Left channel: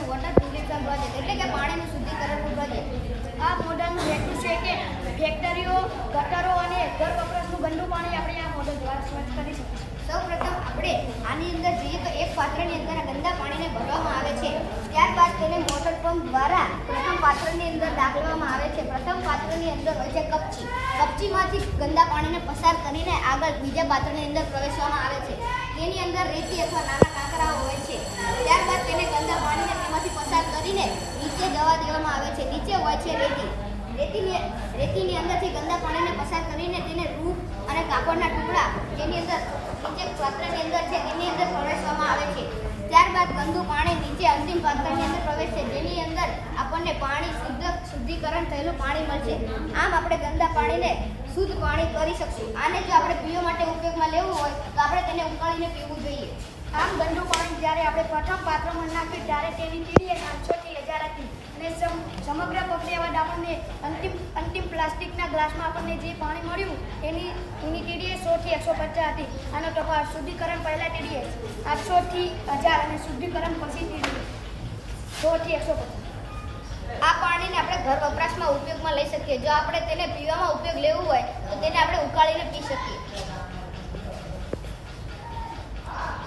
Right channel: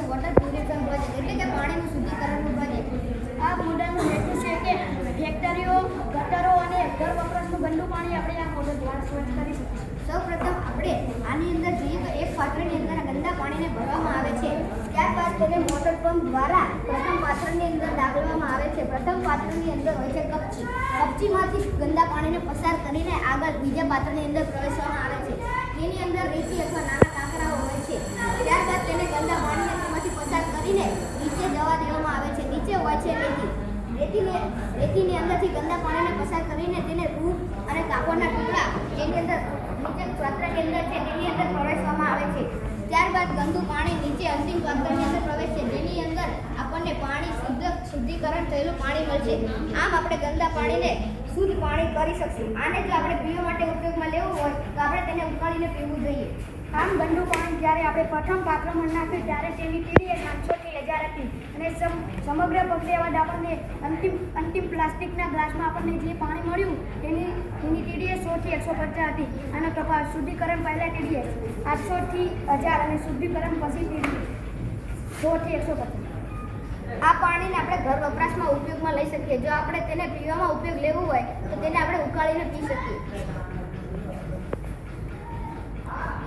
છે water purifier project એટલે કે પાણીનું શુદ્ધિકરણનું પ્રોજેક્ટ। આ મોડલનું હેતુ છે કે ફેક્ટરીઓ, ગટરો અને ઘર વપરાશનું ગંદુ પાણી આપણે આ મોડલ દ્વારા સ્વચ્છ કરી શકીશું। સૌપ્રથમ આપણે આની અંદર જોઈએ તો એક પાત્રની અંદર ગંદા પાણીને ભરવામાં આવે છે। ત્યારબાદ તેને મોટર પંપ દ્વારા પ્રથમ પાત્રની અંદર ડાળવામાં આવે છે। પ્રથમ પાત્રની અંદર હોય છે કપચી। કપચીમાંથી ગંદા પાણીને પસાર કરીને આગળ બીજા પાત્રની અંદર પ્રવેશવામાં આવે છે। તેની અંદર રેતી અથવા નાના કાંકરાઓ હોય છે। ત્યારબાદ તેને ગંદા પાણીને તેમાંથી પસાર કરીને નીચે જવા દેવામાં આવે છે। નીચે હોય છે રેતીની અંદરથી ગંદા પાણીને પસાર કરીને તેને રૂ અને કાપડના ટુકડા જેની અંદર નીચે પાત્રની અંદર છે તેની અંદર પ્રવેશવામાં આવે છે। ત્યારબાદ ગંદુ પાણી નીચે અંતિમ પાત્રની અંદર પ્રવેશે જેની અંદર આપણને પાણી શુદ્ધિકરણ થયેલું પાણી મળશે। આમ આપણે ગંદા પાણીને શુદ્ધ પાણી કરી શકશું। આને જો આપણે પીવા માટે ઉપયોગમાં લેવું હોય તો આપણે તેને ઉકાળીને પીવું જોઈએ। આમ ગંદુ પાણી જ્યારે આપણે પ્રથમ પાત્રમાં નાખ્યું ત્યારે તેની પીડીએ 500 થી 1000 હતી અને સમગ્ર પ્રક્રિયા બાદ આપણને અંતિમ પ્લાસ્ટિકના ગ્લાસમાં આપણને જે પાણી મળ્યું એની ટીડીએસ 100 થી 150 હતી। આનો તફાવત શુદ્ધિકરણ પહેલાં ટીડીએસ 800 થી 1000 અને શુદ્ધિકરણ પછી ટીડીએસ 100 થી 150। આ પાણીને આપણે ઘર વપરાશમાં ઉપયોગમાં લઈ શકીએ। જો આપણે તેને પીવામાં ઉપયોગ લેવું હોય તો તેને આપણે ઉકાળીને પી શકીએ।